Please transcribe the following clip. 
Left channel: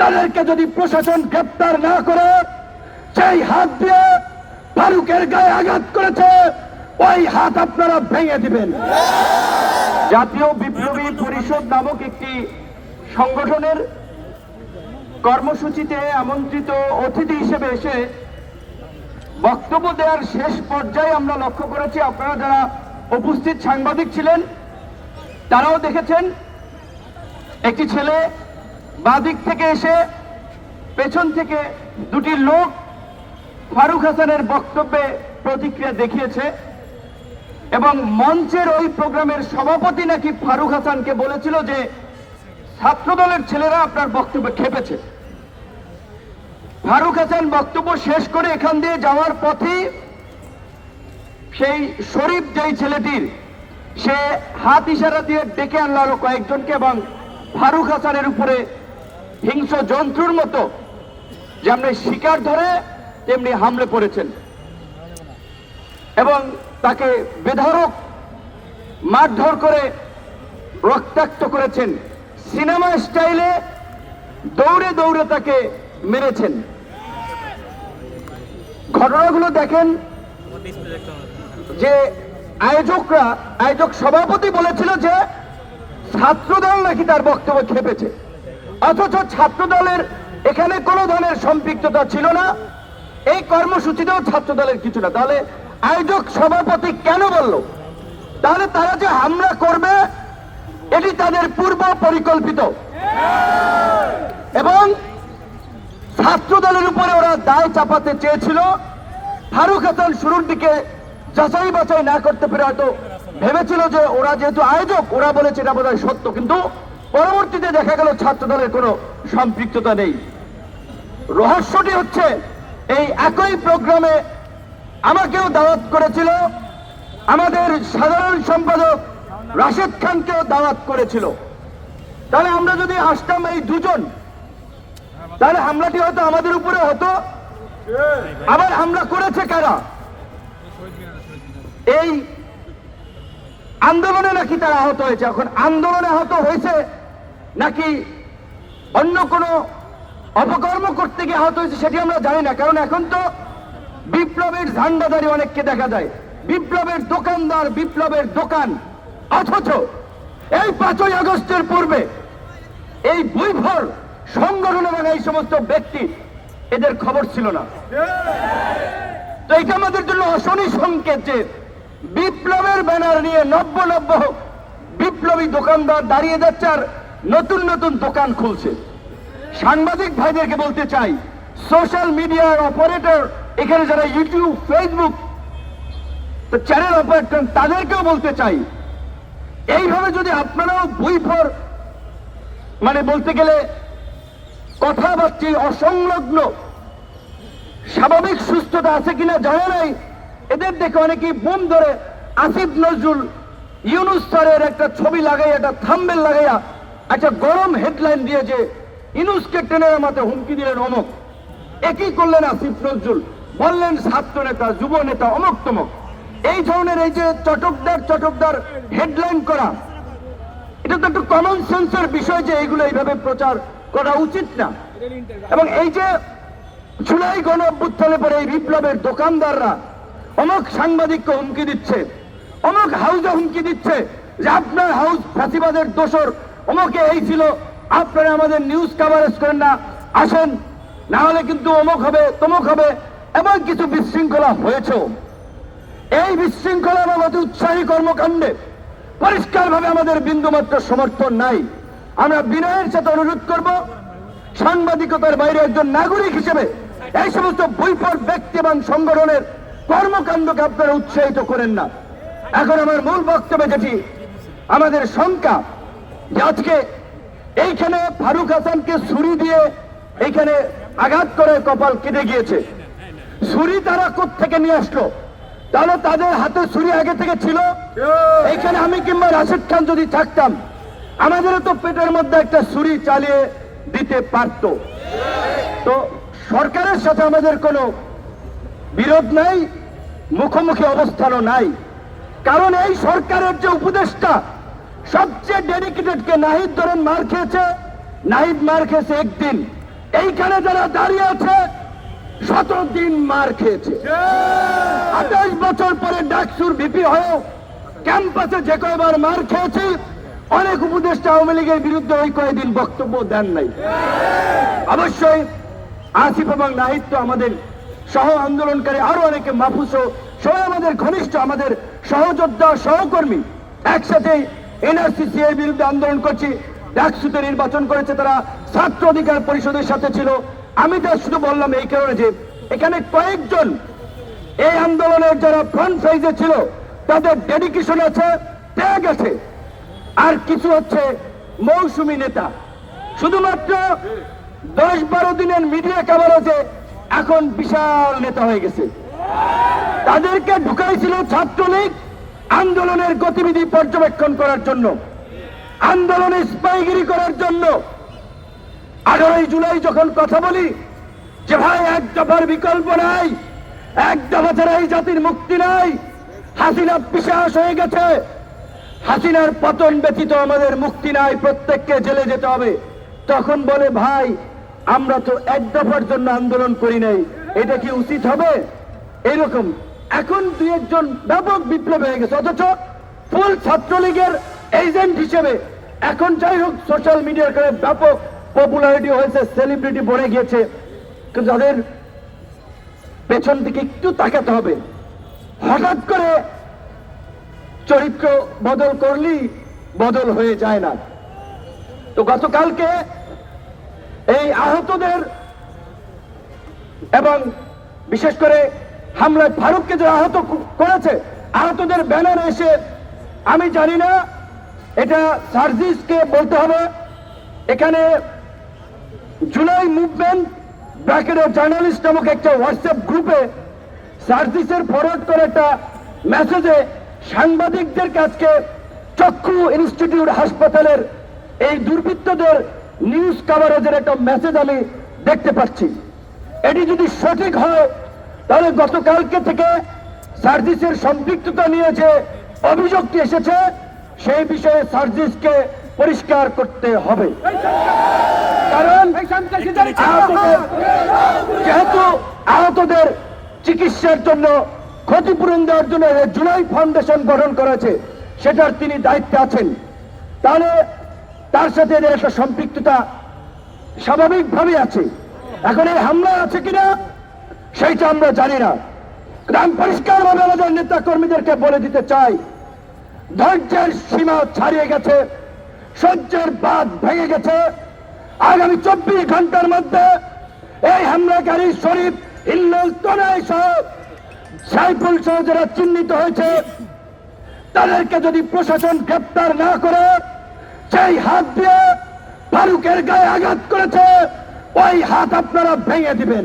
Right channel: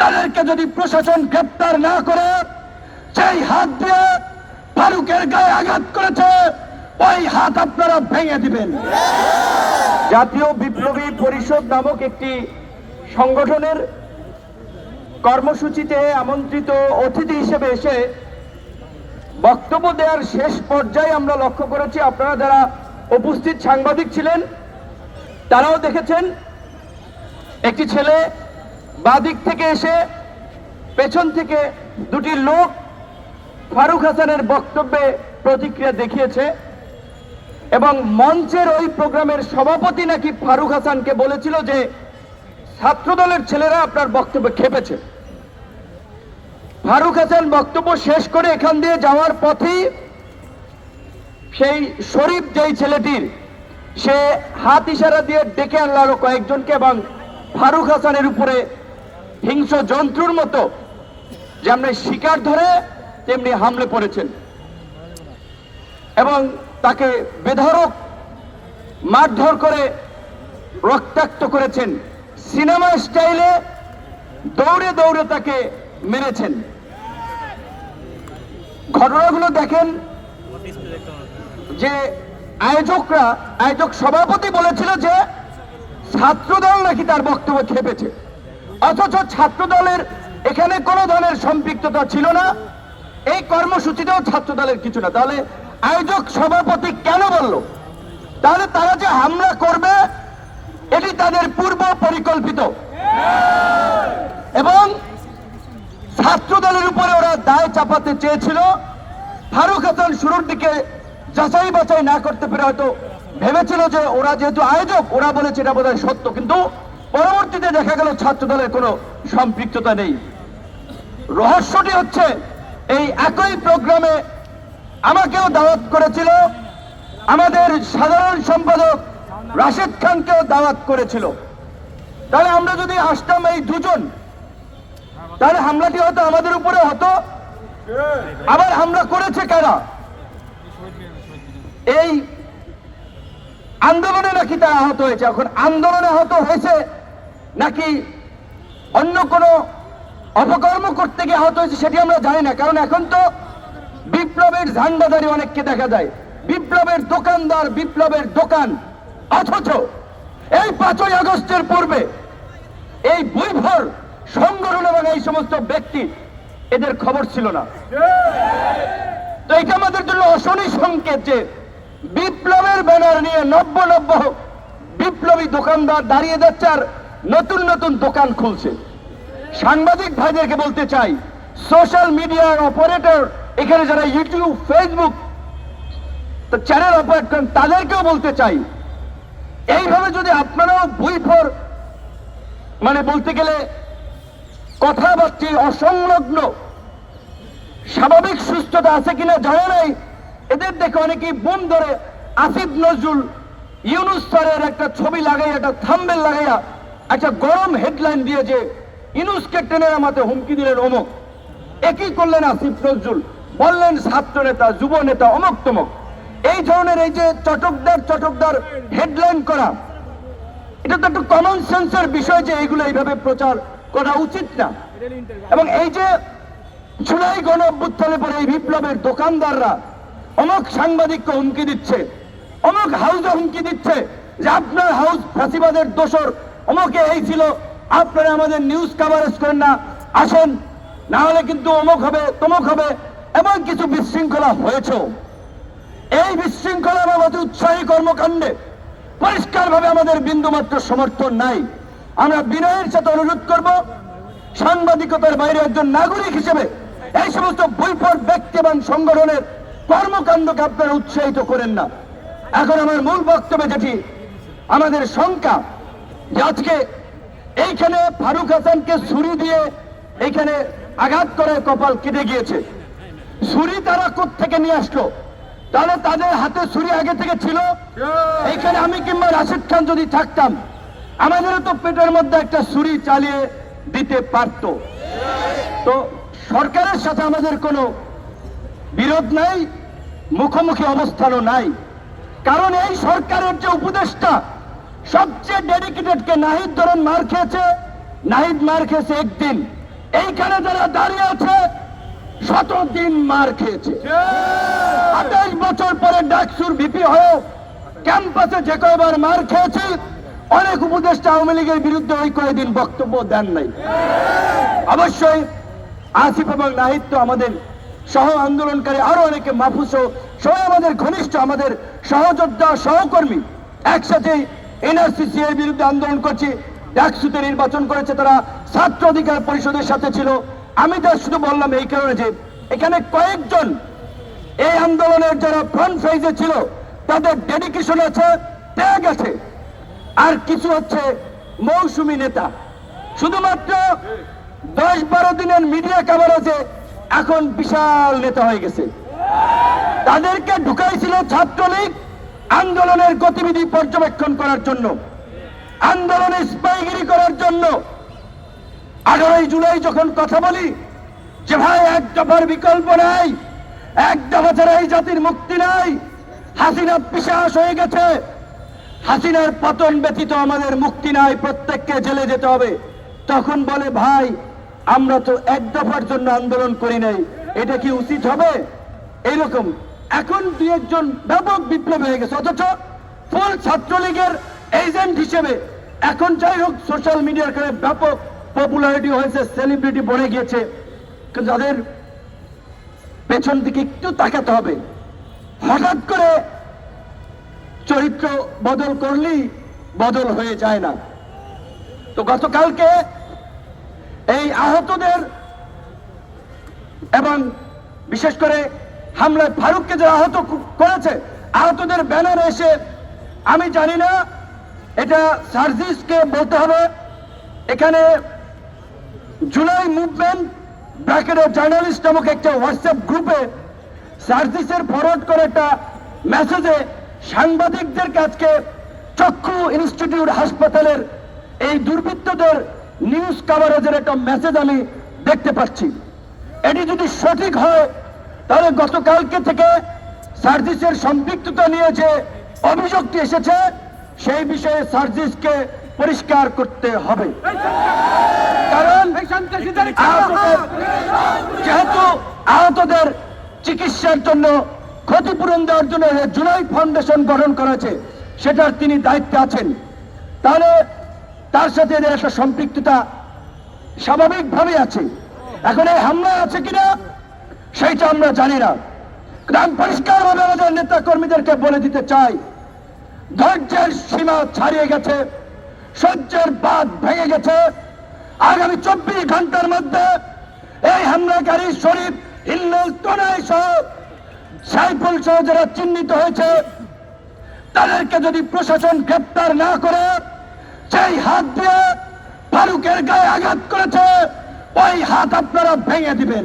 তাদেরকে যদি প্রশাসন গ্রেপ্তার না করে, সেই হাত দিয়ে ফারুকের গায়ে আঘাত করেছে, ওই হাত আপনারা ভেঙে দিবেন। জাতীয় বিপ্লবী পরিষদ নামক একটি সংগঠনের কর্মসূচিতে আমন্ত্রিত অতিথি হিসেবে এসে বক্তব্য দেওয়ার শেষ পর্যায়ে আমরা লক্ষ্য করেছি, আপনারা যারা উপস্থিত সাংবাদিক ছিলেন, তারাও দেখেছেন, একটি ছেলে বাদিক থেকে এসে পেছন থেকে দুটি লোক ফারুক হাসানের বক্তব্যে প্রতিক্রিয়া দেখিয়েছে এবং মঞ্চের ওই প্রোগ্রামের সভাপতি নাকি ফারুক হাসানকে বলেছিল যে ছাত্রদলের ছেলেরা আপনার বক্তব্যে খেপেছে। ফারুক হাসান বক্তব্য শেষ করে এখান দিয়ে যাওয়ার পথেই সেই শরীফ যেই ছেলেটির, সে হাত ইশারা দিয়ে ডেকে আনলো কয়েকজনকে এবং ফারুক হাসানের উপরে হিংস্র জন্তুর মতো। যেমনি শিকার ধরে, তেমনি হামলে পড়েছেন। এবং তাকে বেধরক মারধর করে রক্তাক্ত করেছেন। সিনেমা স্টাইলে দৌড়ে দৌড়ে তাকে মেরেছেন। ঘটনাগুলো দেখেন যে আয়োজকরা, আয়োজক সভাপতি বলেছিল যে ছাত্রদল নাকি তার বক্তব্য খেপেছে। অথচ ছাত্রদলের এখানে কোনো ধরনের সম্পৃক্ততা ছিল না। এই কর্মসূচিতেও ছাত্রদলের কিছু না। তাহলে আয়োজক সভাপতি কেন বলল? তাহলে তারা যে হামলা করবে, এটি তাদের পূর্ব পরিকল্পিত। এবং ছাত্র দলের উপরে ওরা দায় চাপাতে চেয়েছিল। ফারুক হাসান শুরুর দিকে যাচাই বাছাই না করতে পেরে হয়তো ভেবেছিল যে ওরা যেহেতু আয়োজক, ওরা বলেছে এটা বোধহয় সত্য। কিন্তু পরবর্তীতে দেখা গেল ছাত্র দলের কোনো সম্পৃক্ততা নেই। রহস্যটি হচ্ছে, এই একই প্রোগ্রামে আমাকেও দাওয়াত করেছিল, আমাদের সাধারণ সম্পাদক রাশেদ খানকেও দাওয়াত করেছিল। তাহলে আমরা যদি আসতাম এই দুজন, তাহলে হামলাটি হয়তো আমাদের উপরে হতো। আবার হামলা করেছে কারা? এই আন্দোলনে নাকি তারা আহত হয়েছে। এখন আন্দোলনে আহত হয়েছে নাকি অন্য কোনো অপকর্ম করতে গিয়ে আহত হয়েছে সেটি আমরা জানি না। কারণ এখন তো বিপ্লবের ঝান্ডাধারী অনেককে দেখা যায়। বিপ্লবের দোকানদার, বিপ্লবের দোকান। অথচ এই পাঁচই আগস্টের পূর্বে এই বৈভর সংগঠন এবং এই সমস্ত ব্যক্তি এদের খবর ছিল না। তো এটা আমাদের জন্য অশনি সংকেত যে বিপ্লবের ব্যানার নিয়ে নব্য নব্য বিপ্লবী দোকানদার দাঁড়িয়ে যাচ্ছে আর নতুন নতুন দোকান খুলছে। সাংবাদিক ভাইদেরকে বলতে চাই সোশ্যাল মিডিয়ার অপারেটর এখানে যারা ইউটিউব ফেসবুক চ্যানেল অপারেট করেন, তাদেরকেও বলতে চাই, এইভাবে যদি আপনারাও বই ফর মানে বলতে গেলে কথাবার্তি অসংলগ্ন, স্বাভাবিক সুস্থতা আছে কিনা জানা নাই, এদের দেখে অনেকেই বোম ধরে, আসিফ নজরুল, ইউনুস স্যারের একটা ছবি লাগাইয়া, একটা থাম্বেল লাগাইয়া একটা গরম হেডলাইন দিয়ে যে ইউনুসকে টেনে আমাদের হুমকি দিলেন অমক। একই করলেন আসিফ নজরুল? বললেন ছাত্র নেতা যুব নেতা অমক তমক এই ধরনের এই যে চটকদার চটকদার হেডলাইন করা, এটা তো একটা কমন সেন্সের বিষয় যে এইগুলো এইভাবে প্রচার করা উচিত না। এবং এই যে জুলাই গণ অভ্যুত্থানে পরে এই বিপ্লবের দোকানদাররা, অমুক সাংবাদিককে হুমকি দিচ্ছে, অমুক হাউসে হুমকি দিচ্ছে যে আপনার হাউস ফাঁসিবাদের দোষর অমুকে এই ছিল। আপনারা আমাদের নিউজ কাভারেজ করেন না, আসেন। না হলে কিন্তু অমুক হবে, তমুক হবে, এবং কিছু বিশৃঙ্খলা হয়েছেও। এই বিশৃঙ্খলা বাবদ উৎসাহী কর্মকাণ্ডে পরিষ্কারভাবে আমাদের বিন্দুমাত্র সমর্থন নাই। আমরা বিনয়ের সাথে অনুরোধ করব, সাংবাদিকতার বাইরে একজন নাগরিক হিসেবে এই সমস্ত বৈপর ব্যক্তি এবং সংগঠনের কর্মকাণ্ডকে আপনারা উৎসাহিত করেন না। এখন আমার মূল বক্তব্যে যেটি, আমাদের শঙ্কা আজকে এইখানে ফারুক হাসানকে ছুরি দিয়ে এইখানে আঘাত করে কপাল কেটে গিয়েছে। ছুরি তারা থেকে নিয়ে আসলো? তাহলে তাদের হাতে ছুরি আগে থেকে ছিল? এইখানে আমি কিংবা রাশেদ খান যদি থাকতাম, আমাদেরও তো পেটের মধ্যে একটা ছুরি চালিয়ে দিতে পারত। তো সরকারের সাথে আমাদের কোনো বিরোধ নাই, মুখোমুখি অবস্থানও নাই। কারণ এই সরকারের যে উপদেষ্টা সবচেয়ে ডেডিকেটেড কে নাহিদ ধরুন মার খেয়েছে, নাহিদ মার খেয়েছে একদিন। এইখানে যারা দাঁড়িয়ে আছে শত দিন মার খেয়েছে। আঠাশ বছর পরে ডাকসুর ভিপি হয়ে ক্যাম্পাসে যে কয়বার মার খেয়েছি, অনেক উপদেষ্টা আওয়ামী লীগের বিরুদ্ধে ওই কয়েকদিন বক্তব্য দেন নাই। অবশ্যই আসিফ এবং নাহিদ তো আমাদের সহ আন্দোলনকারী, আরও অনেকে মাহফুজ সহ আমাদের ঘনিষ্ঠ, আমাদের সহযোদ্ধা, সহকর্মী। একসাথে এনআরসিসি এর বিরুদ্ধে আন্দোলন করছি, ডাকসুতে নির্বাচন করেছে তারা, ছাত্র অধিকার পরিষদের সাথে ছিল। আমি যা শুধু বললাম এই কারণে যে, এখানে কয়েকজন এই আন্দোলনের যারা ফ্রন্ট সাইজে ছিল, তাদের ডেডিকেশন আছে, ত্যাগ আছে। আর কিছু হচ্ছে মৌসুমী নেতা। শুধুমাত্র দশ বারো দিনের মিডিয়া কাভারেজে এখন বিশাল নেতা হয়ে গেছে। তাদেরকে ঢুকাইছিল ছাত্রলীগ আন্দোলনের গতিবিধি পর্যবেক্ষণ করার জন্য, আন্দোলনে স্পাইগিরি করার জন্য আঠারোই জুলাই যখন কথা বলি, যে ভাই, এক দফার বিকল্প নাই, এক দফা ছাড়া এই জাতির মুক্তি নাই, হাসিনা পিসাস হয়ে গেছে। হাসিনার পতন ব্যতীত আমাদের মুক্তি নাই, প্রত্যেককে জেলে যেতে হবে। তখন বলে, ভাই, আমরা তো এক দফার জন্য আন্দোলন করি নাই, এটা কি উচিত হবে? এইরকম এখন দুই একজন ব্যাপক বিপ্লব হয়ে গেছে, অথচ ফুল ছাত্রলীগের এজেন্ট হিসেবে এখন যাই হোক সোশ্যাল মিডিয়ার কারণে ব্যাপক পপুলারিটি হয়েছে সেলিব্রিটি বনে গিয়েছে। যাদের পেছন দিকে একটু তাকাতে হবে, হঠাৎ করে চরিত্র বদল করলেই বদল হয়ে যায় না। তো গতকালকে এই আহতদের এবং বিশেষ করে হামলায় ফারুককে যারা আহত করেছে, আহতদের ব্যানার এসে, আমি জানি না, এটা সার্জিসকে বলতে হবে। এখানে জুলাই মুভমেন্ট ব্র্যাকেটের জার্নালিস্ট নামক একটা হোয়াটসঅ্যাপ গ্রুপে সার্জিসের ফরওয়ার্ড করা একটা মেসেজে সাংবাদিকদের কাছকে চক্ষু ইনস্টিটিউট হাসপাতালের এই দুর্বৃত্তদের নিউজ কাভারেজের একটা মেসেজ আমি দেখতে পাচ্ছি। এটি যদি সঠিক হয় তাহলে গতকালকে থেকে সার্জিসের সম্পৃক্ততা নিয়ে যে অভিযোগটি এসেছে সেই বিষয়ে সার্জিসকে পরিষ্কার করতে হবে। কারণ যেহেতু আহতদের চিকিৎসার জন্য ক্ষতিপূরণ দেওয়ার জন্য জুলাই ফাউন্ডেশন গঠন করেছে সেটার তিনি দায়িত্বে আছেন। তাহলে তার সাথে এদের একটা সম্পৃক্ততা স্বাভাবিকভাবে আছে। এখন এই হামলা আছে কিনা সেইটা আমরা জানি না। আমি পরিষ্কারভাবে আমাদের নেতা কর্মীদেরকে বলে দিতে চাই, ধৈর্যের সীমা ছাড়িয়ে গেছে, সহ্যের বাদ ভেঙে গেছে। আগামী চব্বিশ ঘণ্টার মধ্যে এই হামলাকারী শরীফ হিল্লোল তনয় সহ সাইফুল সহ যারা চিহ্নিত হয়েছে, তাদেরকে যদি প্রশাসন গ্রেপ্তার না করে, সেই হাত দিয়ে ফারুকের গায়ে আঘাত করেছে ওই হাত আপনারা ভেঙে দিবেন।